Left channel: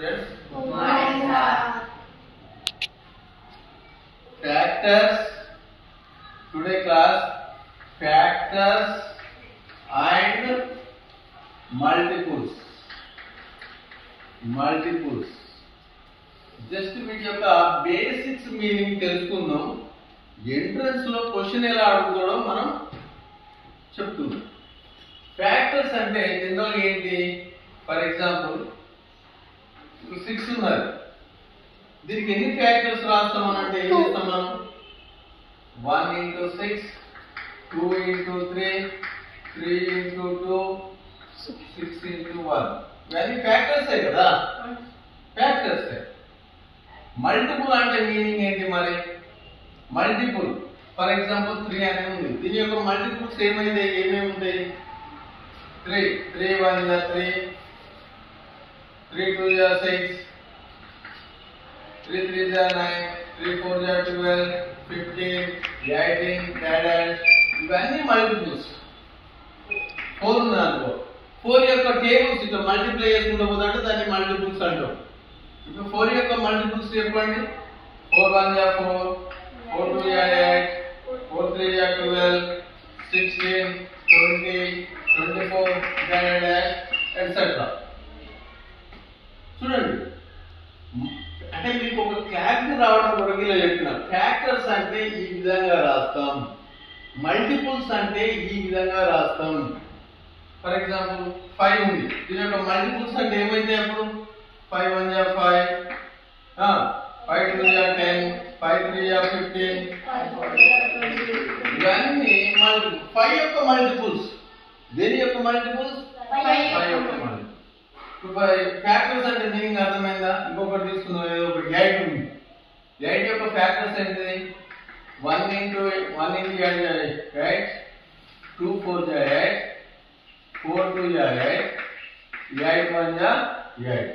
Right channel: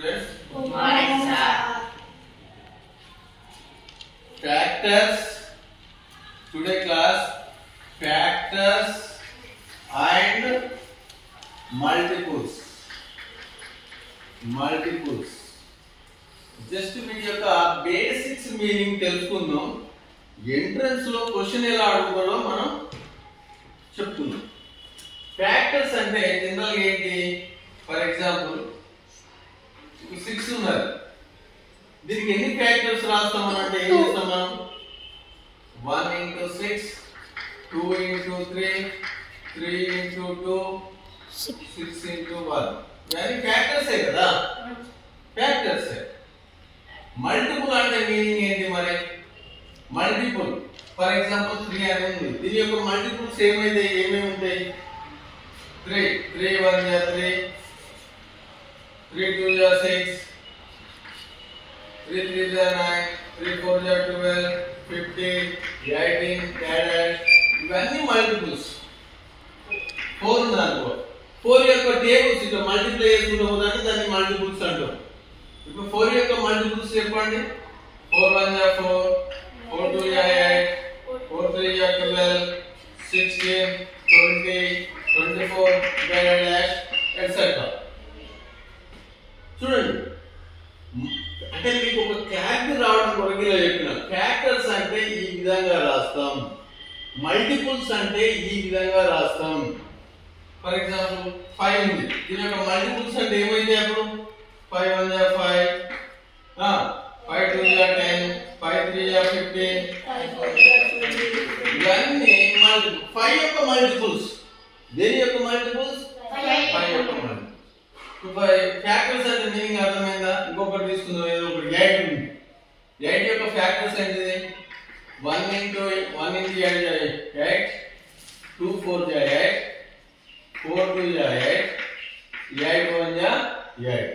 Students, good morning, sir. Factors. Today class, factors and multiples. Multiples. Just వీటి యొక్క basics meaning తెలుసుకుందాం. Entrance లో question ఎలా అడుగుతాడో మనం చెప్తున్నాం. ఫ్యాక్టర్స్ అంటే జనరల్ గా ఏంటి? ఫర్ ఎగ్జాంపుల్ 6 ఉన్నది. దీనికి ఎన్ని ఫ్యాక్టర్స్ రాస్తాం అంటే ఏం చేస్తాం మనం? 1 into 6, 2 into 3, 3 into 2, 6 into 1. ఇవన్నీ ఫ్యాక్టర్సే కదా, ఫ్యాక్టర్సే. మల్టిపుల్ అంటే మీనింగ్ ఏంటి మరి? మల్టిపుల్ ఫర్ ఎగ్జాంపుల్ 3 అని ఉంది. దీని యొక్క మల్టిపుల్స్ ఏమేమి ఉంటాయి? 3 3 1 ja 3, 3 2 ja 6, 3 3 ja 9, 3 4 ja 12, 15, 18, dash. ఇవన్నీ మల్టిపుల్స్. 4 ఉందనుకో, 4 యొక్క టేబుల్స్ ఇట్లా మల్టిప్లై చేసుకుంటూ పోతుంటే దాన్ని మల్టిపుల్స్ అంటాం. ఇప్పుడు 4 యొక్క మల్టిపుల్స్ చెప్పండి. 4 1 ja 4, 4 2 ja 8, 4 3 ja 12, 16, 20, 24, dash, etc. చూడండి, అంటే మీకు ఒక క్లారిటీ రావడం కొరకు ఇలా చెప్పిన. ఫ్యాక్టర్స్ అంటే ఈ విధంగా రాస్తాం, మల్టిపుల్స్ అంటే ఈ విధంగా రాస్తాం. ఫర్ ఎగ్జాంపుల్ 5 ఉంది. దీని యొక్క మల్టిపుల్స్ అంటే ఏమైతే అప్పుడు 5 1 ja 5, 5 2 ja 10, 5 3 ja 15, ఇవన్నీ మల్టిపుల్. 5 యొక్క మల్టిపుల్స్. దేని యొక్క మల్టిపుల్స్? 5 యొక్క మల్టిపుల్స్. ఫ్యాక్టర్స్ అంటే మీనింగ్ అర్థమైందా? ఇంకొకటి తీసుకుందాం, ఏదో ఒకటి 8 ఉంది. 8 యొక్క ఫ్యాక్టర్స్ ఏంటిది? 1 into 8 ja 8, 2 4 ja 8, 4 2 ja 8, 8 1 ja 8.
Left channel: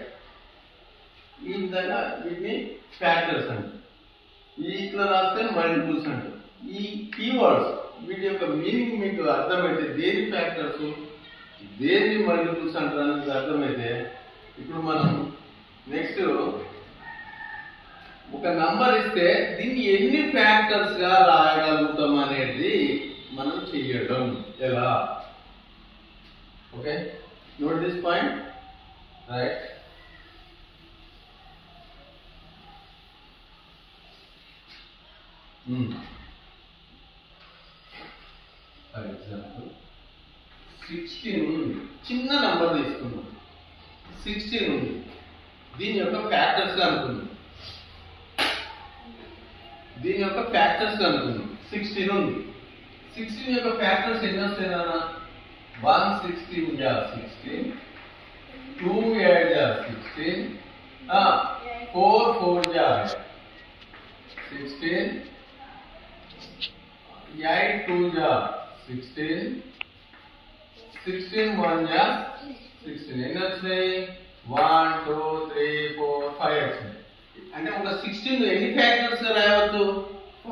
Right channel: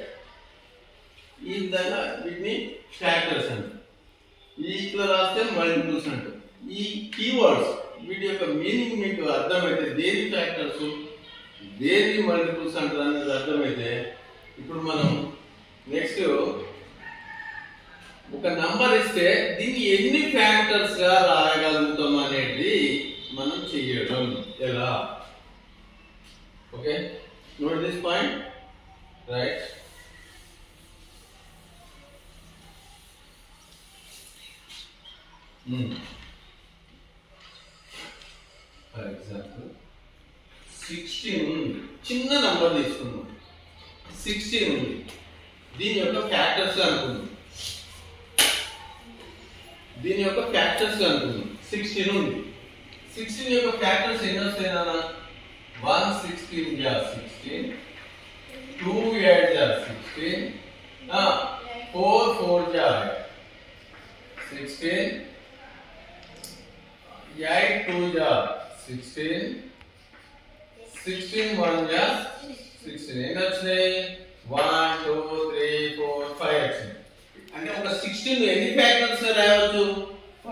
ఈ విధంగా వీటిని ఫ్యాక్టర్స్ అంటారు. ఇట్లా రాస్తే మల్టిపుల్స్ అంటారు. ఈ కీవర్డ్స్ వీటి యొక్క మీనింగ్ మీకు అర్థమైతే దేని ఫ్యాక్టర్స్ దేని మల్టిపుల్స్ అంటారు అనేది అర్థమైతే ఇప్పుడు మనం నెక్స్ట్ ఒక నంబర్ ఇస్తే దీన్ని ఎన్ని ఫ్యాక్టర్స్ గా రాయగలుగుతాం అనేది మనం చెయ్యడం ఎలా. Okay, note this point, right? For example 16 ఉంది. చిన్న నంబర్ తీసుకున్నాం, 16 ఉంది. దీని యొక్క ఫ్యాక్టర్స్ అనుకున్నాం, దీని యొక్క ఫ్యాక్టర్స్ అనుకున్నాం. 16 ఉంది. 16 యొక్క ఫ్యాక్టర్స్ ఎన్ని వస్తాయి నాన్న? 1 16 ja 16, 2 8 ja 16, 4 4 ja 16, 8 2 ja 16, 16 1 ja 16. ఎన్ని వచ్చినాయి? 1 2 3 4 5 వచ్చినాయి. అంటే ఒక 16 ఎన్ని ఫ్యాక్టర్స్ రాయవచ్చు?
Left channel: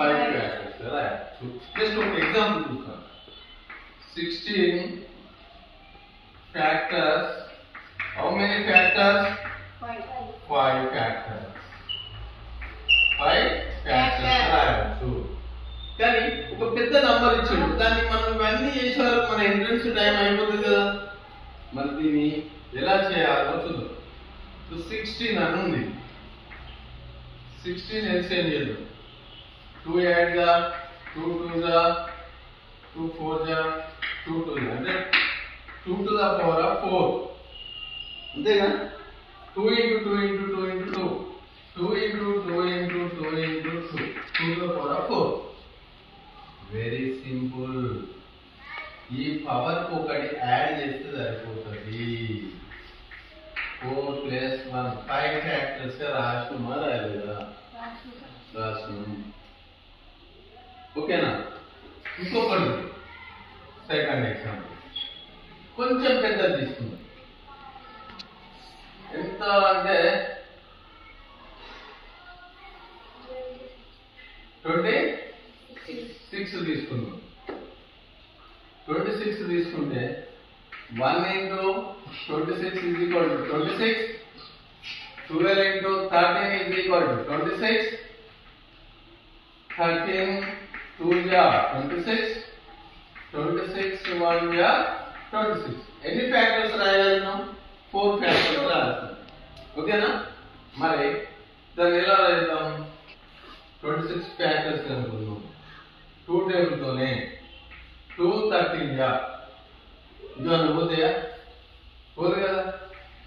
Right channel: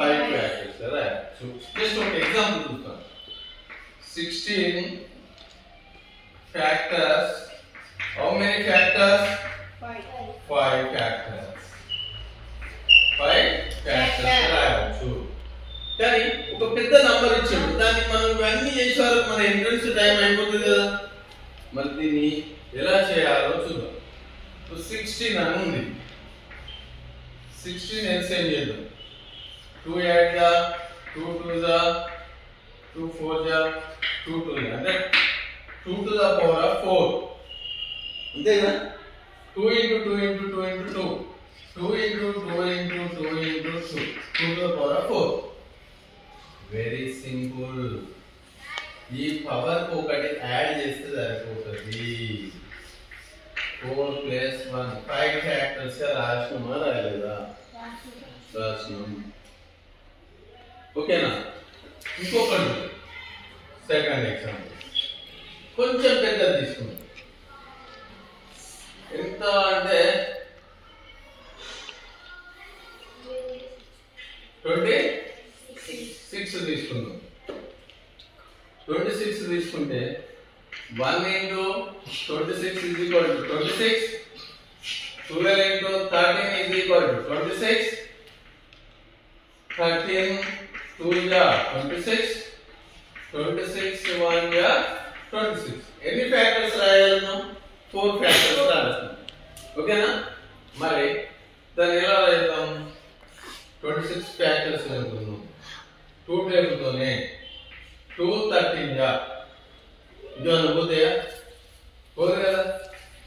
5 ఫ్యాక్టర్స్ రాయవచ్చు. జస్ట్ ఒక ఎగ్జాంపుల్ చూద్దాం. 16 factors. How many factors? 5 factors. 5 factors రాయవచ్చు. కానీ ఒక పెద్ద నంబర్ ఇచ్చాడు, దాన్ని మనం ఇవన్నీ చేసేవారు మన ఎంట్రన్స్ టైం అయిపోతుంది కదా. మరి దీన్ని ఎలా చేయాలో చూద్దాం. 16 అని ఉంది. 16 ఎల్సిఎం చేద్దాం. 2 8 ja 2 2 ja 2 4 ja 2 2 ja అంటే 2 to the power of 4. అంతేగా? 2 into 2 into 2 into 2, 2 into 2 into 2 into 2, 2 to the power of 4. Very simple. ఈ పవర్ కు ఒకటి యాడ్ చేస్తే సరిపోతుంది. 4 + 1 5 ఫ్యాక్టర్స్ గా రాసినామా రాయలేదా? రాసినాం. ఓకేనా? ఇంకొకటి సెకండ్ ఎగ్జాంపుల్ కొంచెం పెద్దది తీసుకుందాం. ఎంత అంటే 26 తీసుకుందాం. 26 తీసుకుంటే 1 into 26 is equal to 26, 12 into 13 is equal to 26. 13 2 ja 26. 26 1 ja 26. ఎన్ని ఫ్యాక్టర్స్ రాయాలను? 4 ఫ్యాక్టర్స్ రాస్తాం. ఓకేనా? మరి దాన్ని ఎలా రాద్దాం? 26 ఫ్యాక్టర్స్ అనుకుందాం. 2 టేబుల్ తోనే 2 13 ja ఇది అనుకోతేయా పోదు కదా,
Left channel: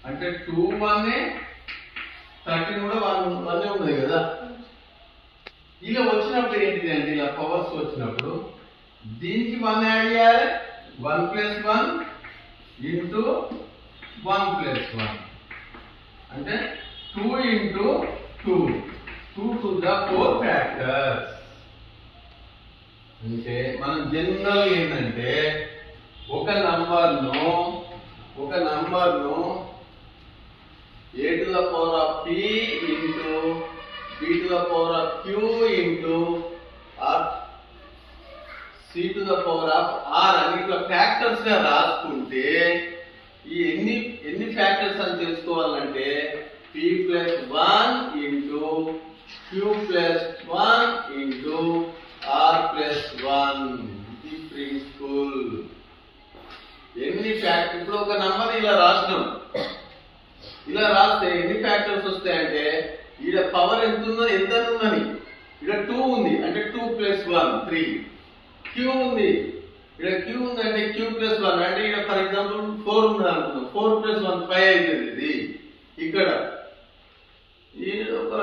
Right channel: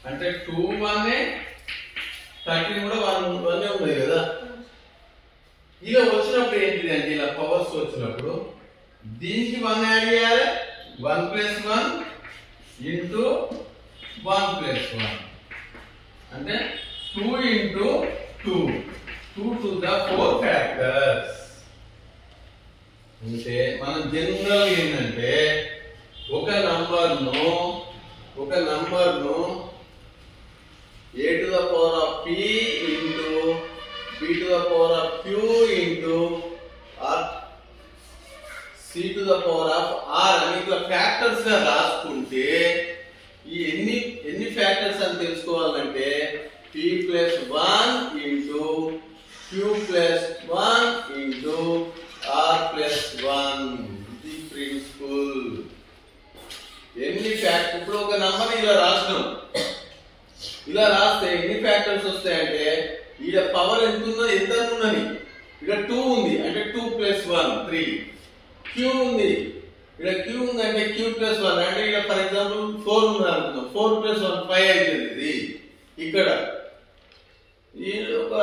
అంటే 2 1 13 కూడా 1 ఉంది కదా. ఇలా వచ్చినప్పుడు ఏంటిది అంటే ఇలా పవర్స్ వచ్చినప్పుడు దీనికి 1 యాడ్ చేయాలి. 1 + 1 into 1 + 1 అంటే 2 into 2 2 to the 4 ఫ్యాక్టర్స్. అంటే మనం జనరల్ ఏంటంటే ఒక నంబర్ను a to the power of p into b to the power of q into or c to the power of r అని ఇట్లా ఫ్యాక్టర్స్ గా రాసుకుంటే ఈ ఎన్ని ఫ్యాక్టర్స్ అని తెలుసుకోవాలంటే p + 1 into q + 1 into r + 1 ఇది ప్రిన్సిపల్. ఎన్ని ఫ్యాక్టర్ ఇప్పుడు ఒక నంబర్ ఇలా రాసినాం, ఇలా రాస్తే ఎన్ని ఫ్యాక్టర్స్ వస్తాయంటే ఈడ పవర్ ఎంత ఉన్నది, ఎంత ఉన్నది, ఇక్కడ 2 ఉంది అంటే 2 + 1 3, q ఉంది ఇక్కడ q ఉంది అంటే q + 1 అంటే ఇక్కడ ఫర్ ఎగ్జాంపుల్ 4 ఉంది అనుకుందాం, 4 + 1 5 అవుతుంది. ఇది ఇక్కడ ఈ ఒక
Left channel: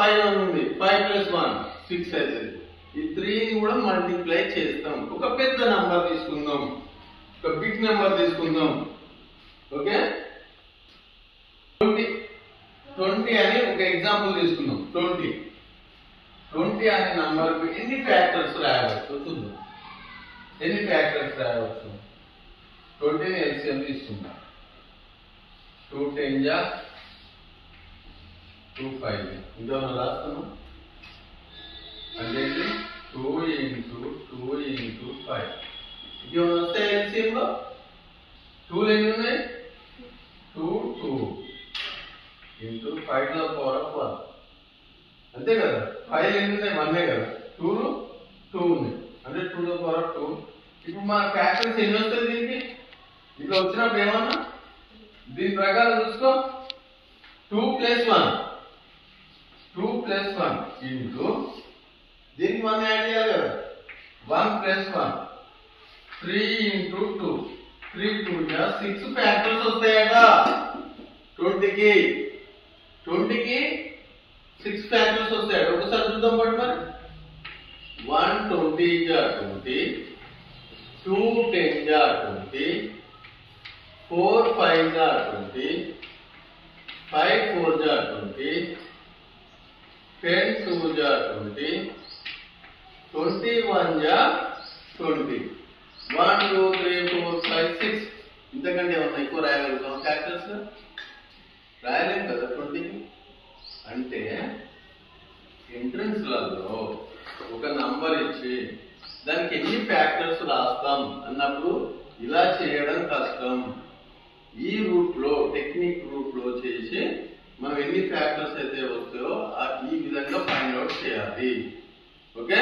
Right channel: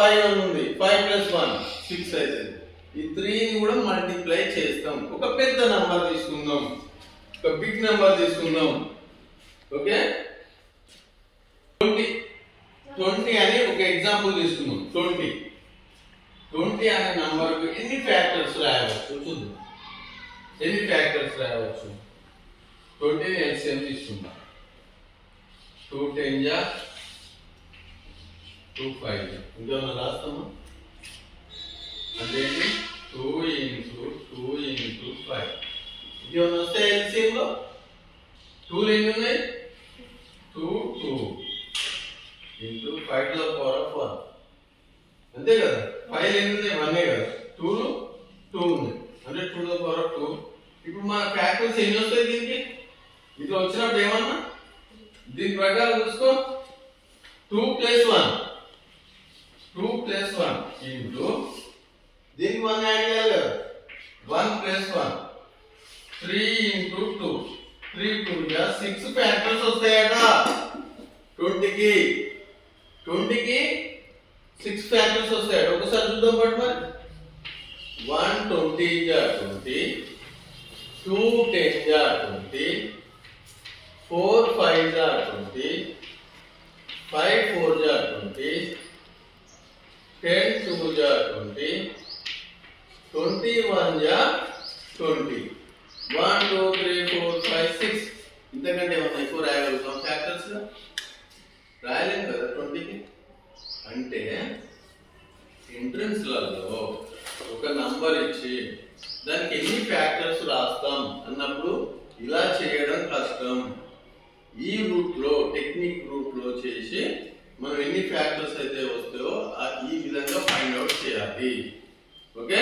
5 ఉంది, 5 + 1 6 అవుతుంది. ఈ 3 ని కూడా మల్టిప్లై చేస్తాం. ఒక పెద్ద నంబర్ తీసుకుందాం, ఒక బిగ్ నంబర్ తీసుకుందాం. ఓకే, 20 అని ఒక ఎగ్జాంపుల్ తీసుకుందాం. 20 అనే నంబర్కు ఎన్ని ఫ్యాక్టర్స్ రాయవచ్చు చూద్దాం. ఎన్ని ఫ్యాక్టర్స్ రాయవచ్చు? 20 ని ఎల్సిఎం తీసుకుందాం. 2 10 ja 2 5 ja ఇంకా రాస్తామా అంటే 2 into 2 into 5 ఇది వస్తే ఎల్సిఎం లో 2 ఎన్ని ఉన్నాయి? 2 2 into 5 to the power of 1 అంతే కదా. 5 ఎన్ని ఉన్నాయి? 1 కదా. 2 ఉన్నాయి అంటే 2 to the power of 2. ఇప్పుడు మన ఫ్యాక్టర్స్ ఎన్ని వస్తాయి దీనికి? ఇట్లా వచ్చినప్పుడు ఏమన్నా దీని ప్రకారం చూసుకో, 2 + 1 into దీనికి 1 యాడ్ చేయాలి కదా, 1 + 1 3 into 2 3 2 ja 6 ఫ్యాక్టర్స్ వస్తాయట. 20కి 6 ఫ్యాక్టర్స్ వస్తాయట. ఒకసారి చూద్దాం పట్టు మరి. 1 20 ja 20, 2 10 ja 20, 4 5 ja 20, 5 4 ja 20, 10 2 ja 20, 21 ja 20. 1 2 3 4 5 6 ఇంతకంటే ఏమన్నా ఎక్కువ రాయగలుగుతాం ఫ్యాక్టర్స్? రాయలేము కదా 20కి. అంటే ఎంట్రన్స్లలో ఒక నంబర్ ఇచ్చి దానికి ఎన్ని ఫ్యాక్టర్స్ రాస్తాం అన్నప్పుడు ఇలా చేయడం కష్టం. ఈ రూట్లో టెక్నిక్ రూట్లో చేసి మనం ఎన్ని ఫ్యాక్టర్స్ అయితే వస్తాయో ఈ విధంగా ఫైండ్ అవుట్ చేయాలి. ఓకే.